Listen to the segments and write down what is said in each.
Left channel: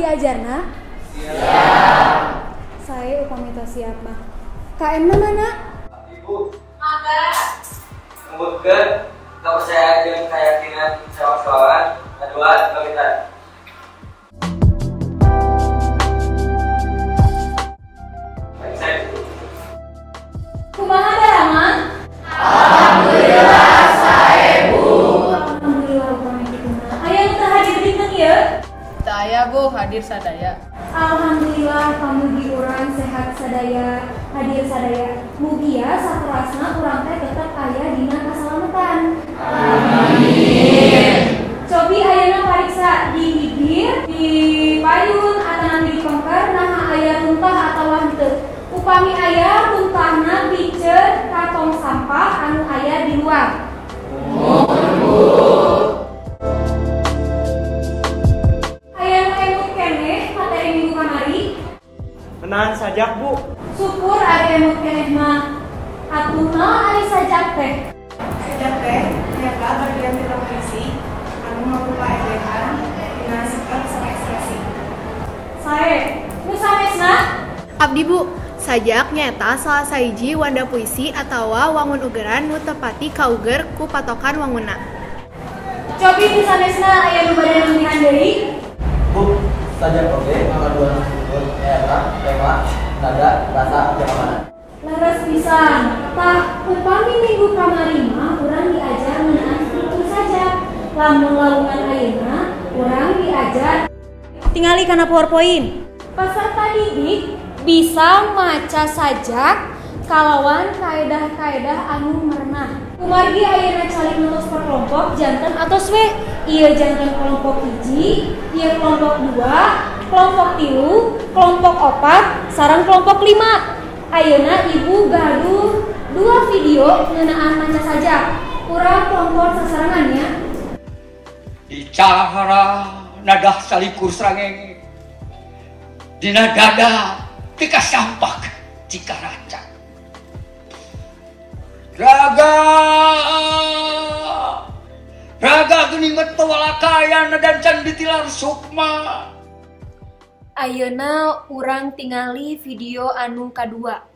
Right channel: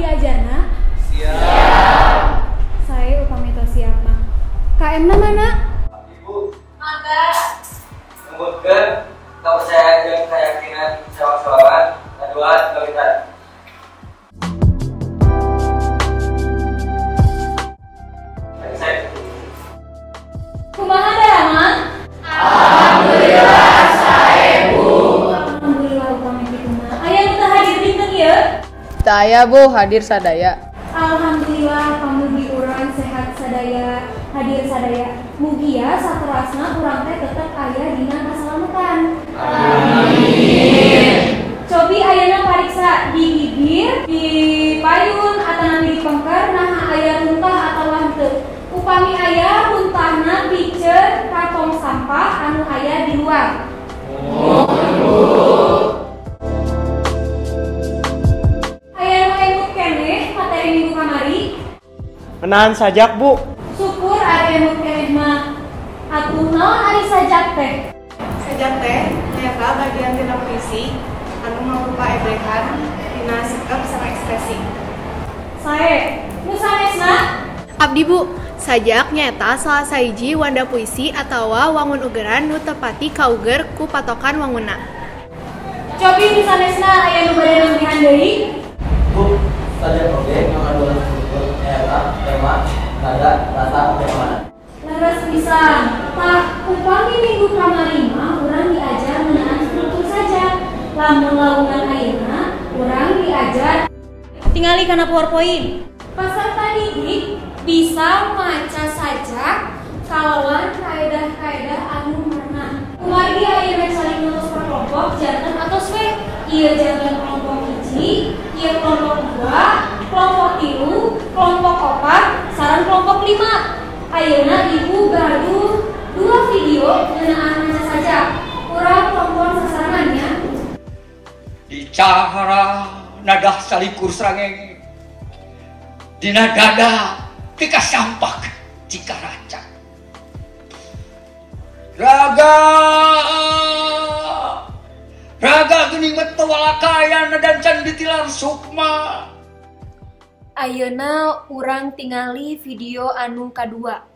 diajarna? Siap. Saya upami tos siap mah. KM-na mana? Ibu. Mangga. Kemudian tak percaya dengan keyakinan jawab-jawaban. Kedua, kalian. Kumaha Rahman? Alhamdulillah sae Bu. Alhamdulillah upami kituna. Aya nu teu hadir dinten ieu? Teu aya Bu, hadir sadaya. Alhamdulillah pamugi urang sehat sadaya, hadir sadaya. Mugia saterasna urang teh tetep aya dina kasalametan. Amin. Cobi ayeuna pariksa di bibir, di payun, atanapi di pengker, nah aya muntah atawa henteu. Upami aya muntahna piceun kantong sampah anu aya di luar. Aya nu emut keneh materi minggu kamari. Menahan sajak Bu. Syukur ada emut keneh mah. Atuh naon ari sajak teh? Sajak teh nyata bagian tina puisi anu mangrupa edehan dina sikap sama ekspresi. Sae, nu sanesna? Abdi Bu, sajak nyata salah sahiji wanda puisi atawa wangun ugeran nu tepati kauger ku patokan wangunna. Cobi nu sanesna aya nu bade nembihan deui? Bu, saja oke, ngaduan struktur, tema, nada, rasa, tema. Laras pisan. Tah upami minggu kamari mah urang diajar ngeunaan struktur saja. Lamun lawungan ayeuna urang diajar tingali kana PowerPoint. Peserta didik bisa maca sajak kalawan kaedah-kaedah anu merenah. Kumargi ayeuna cari lurus per kelompok janten atos we. Ieu janten kelompok 1, ieu kelompok 2, kelompok 3, kelompok 4, sareng kelompok 5. Ayeuna ibu gaduh 2 video ngeunaan maca sajak. Urang kelompok sasarangannya Bicara nadah salikur srangenge dina dada tika sampak jika rancak raga geuning metawalakayan dan can ditilar sukma. ayeuna urang tingali video anu kadua.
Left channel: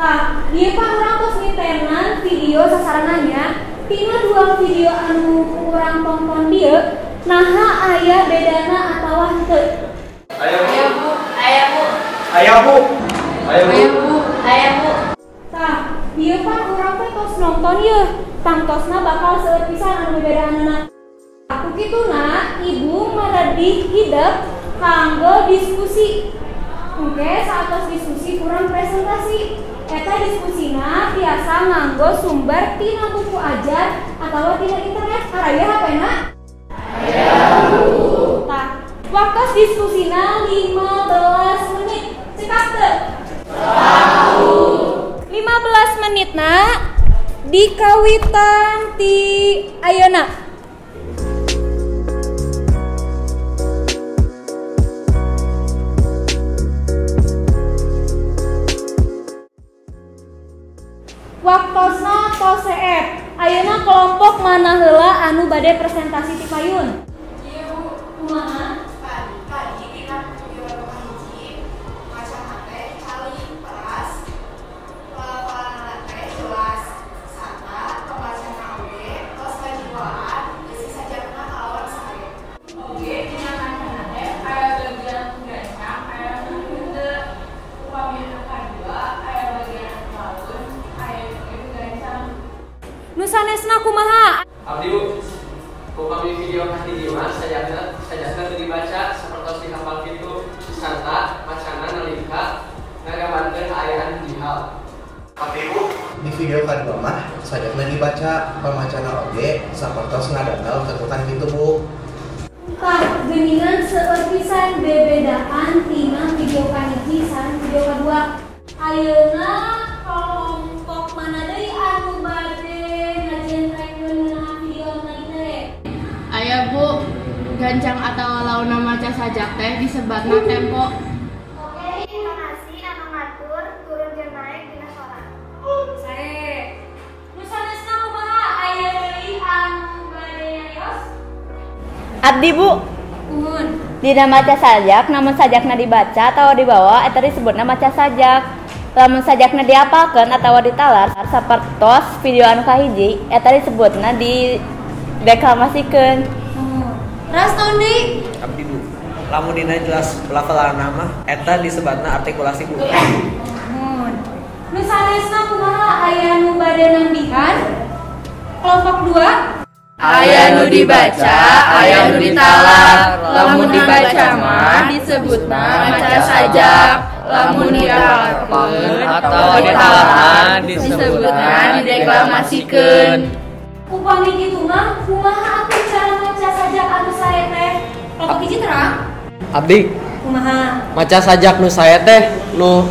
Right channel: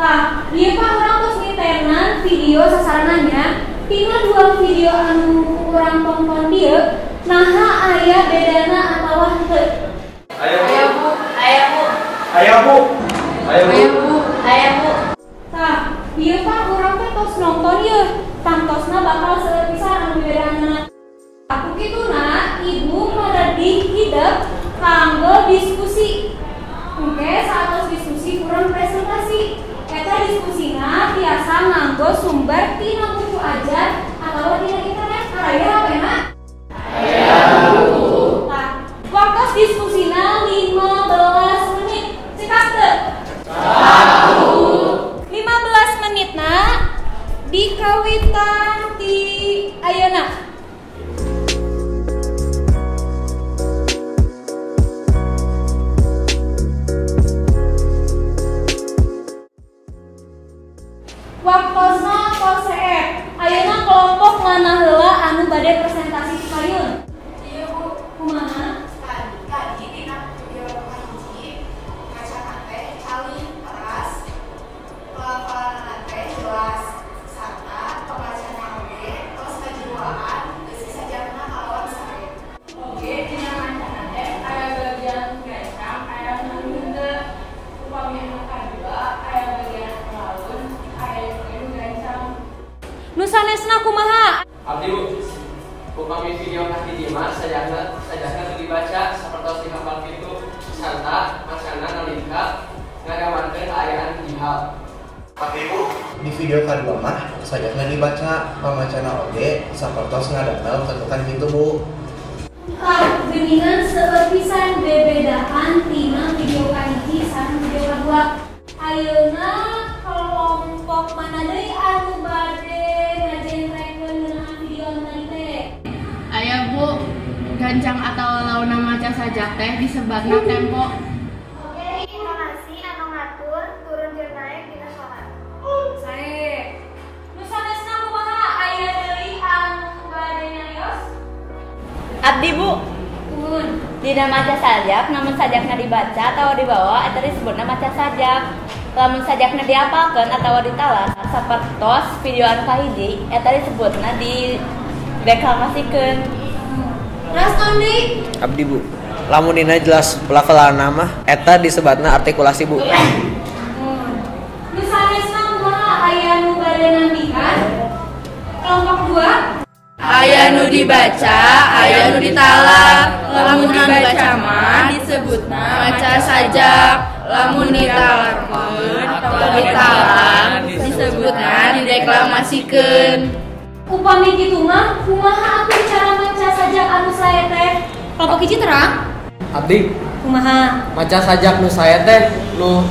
Tah, ieu Pak urang tos ngitenan video sasarangannya tina 2 video anu urang tonton dieu naha aya bedana atawa henteu. Ayo Bu. Aya Bu. Aya Bu. Ayo Bu. Aya Bu. Tah, ieu Pak urang teh tos nonton ieu, tangtosna bakal seueur pisan anu bedaanana. Aku kituna ibu madadih hideuk kanggo diskusi. Oke, saat diskusi kurang presentasi. Eta diskusina biasa nganggo sumber tina buku ajar atau tina internet. Aya hapena? Aya Bu. Tah, waktu diskusina 15 menit. Cekat teu? Tahu. 15 menitna dikawitan ti ayeuna. Waktosna tos CF. Ayeuna kelompok mana heula anu bade presentasi ti payun? Ieu Bu, Kumaha? tadi dina video hiji maca teh cali kelas pelafalan teh jelas sarta pembacaan oge tos kajuaan isi sajakna kalawan sae. Oge dina maca teh aya bagian gancang aya nu henteu. Upami anu kadua aya bagian pemaun aya bagian gancang. Nu sanesna kumaha? Abdi Bu. Upami video kaki dimas sajana dibaca sapertos dihafal kitu sarta macana nalika ngagambarkeun ayaan dihal. Abdi Bu. Di video kedua mah sajakna dibaca pamacana oge sapertos ngadana ketukan kitu Bu. Tah, geuningan seueur pisan bebedaan tina video kahiji sareng video kadua. Ayeuna kelompok mana deui anu bade ngajentrehkeun dina video tadi teh? Aya Bu, gancang atau launa maca sajak teh disebatna tempo. Oke, intonasi anu ngatur turun jeung naik dina sorak. Sae. Nu sanesna kumaha aya deui anu bade nyarios? Abdi Bu, Nuhun. dina maca sajak namun sajakna dibaca atau dibawa eta disebutna maca sajak. Lamun sajakna diapalkeun atawa ditalar sapertos video anu kahiji eta disebutna dideklamasikeun. Ras Tondi. Abdi Bu, lamun dina jelas pelafalan mah eta disebatna artikulasi Bu. Nuhun. Nu sanesna kumaha aya nu bade nambihan? Kelompok 2. Aya nu dibaca, aya nu ditalar. Lamun dibaca mah disebutna maca sajak. Lamun ditalarkeun atau ditalar disebutna dideklamasikeun. Upami kitu mah kumaha atuh cara maca sajak anu sae teh? Kelompok hiji terang. Abdi, Kumaha? maca sajak nu saya teh nu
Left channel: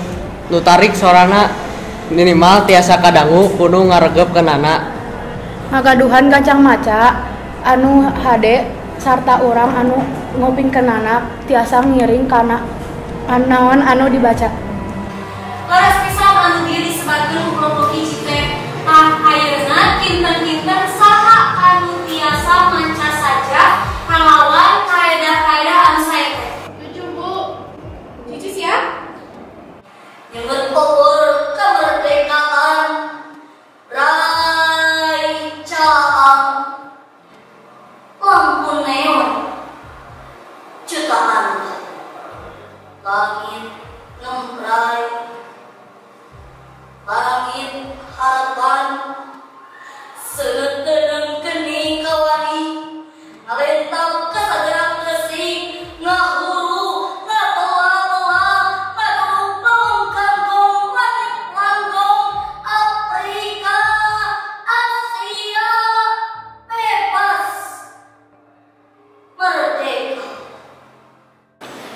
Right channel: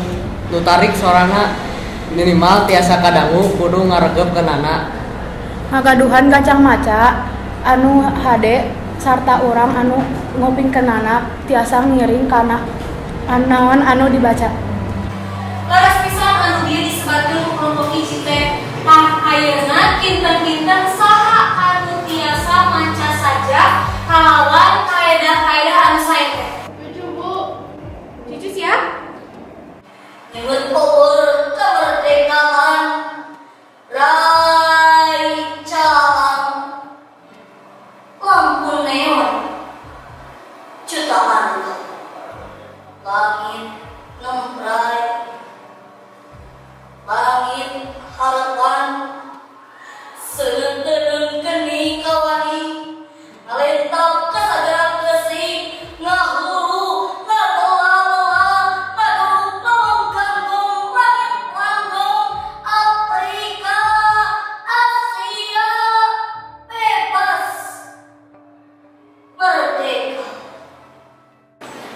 tarik sorana minimal tiasa kadangu kudu ngaregepkeunana. Ngagaduhan gancang maca anu hade sarta urang anu ngopingkeunana tiasa ngiring kana naon anu dibaca. Laras pisan anu dieu disebatkeun ku kelompok hiji teh. Tah ayeuna kinten-kinten saha anu tiasa maca sajak kalawan kaedah-kaedah anu sae teh? 7 Bu. Cici siap? nyebut power kemerdekaan rancang lampu neon jutaan langit ngembrai langit harapan seunteung geni kawani alentang kasadaran resik ngahuru ngadoa-doa aduh pamungkangkung langit langgong Afrika Asia bebas merdeka.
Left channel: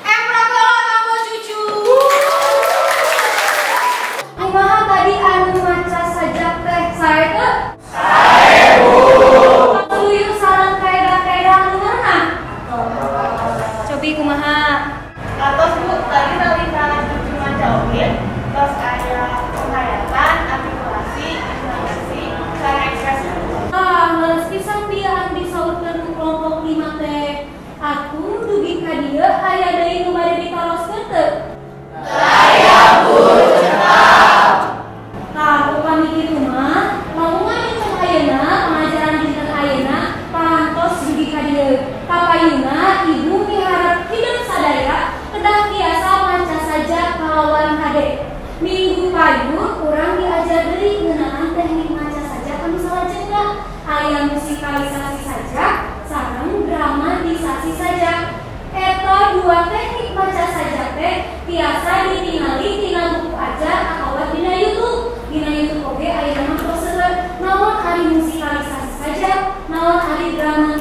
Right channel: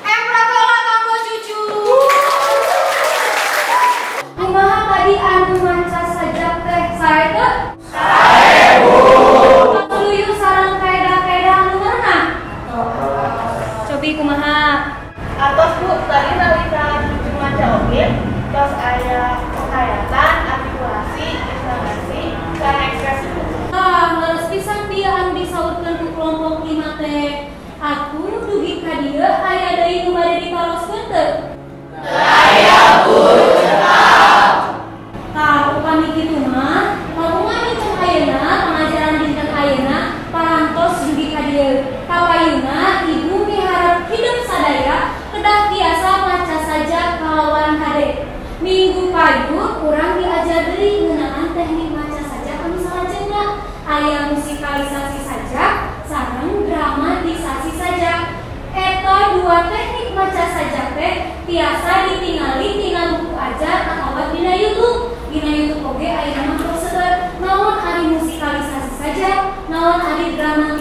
Prabowo Kambo cucu. Kumaha tadi anu maca sajak teh sae teh? Sae Bu. Tuluyuh sareng kaedah-kaedah anu meunah. Cobi kumaha? Atos Bu, tadi nalika cucu maca oge, tos aya penghayatan, artikulasi, intonasi, dan ekspresi. Leus pisan dia anu disaurkeun ku kelompok 5 teh. Aku dugi ka dieu aya deui nu bade ditaroskeun teu? Daya Bu tetap. Tah upami kitu mah, lamungan dinten ayeuna pengajaran dinten ayeuna parantos dugi ka dieu. Kapayuna ibu miharep hidup sadaya kedah tiasa maca saja kalawan hade. Minggu payun urang diajar deui ngeunaan teknik maca saja anu salajengna. Aya musikalisasi saja sareng dramatisasi saja. Eta dua teknik maca saja teh tiasa ditingali tina buku ajar atawa dina YouTube. Dina YouTube oge aya nama prosedur naon ari musikalisasi saja, naon ari drama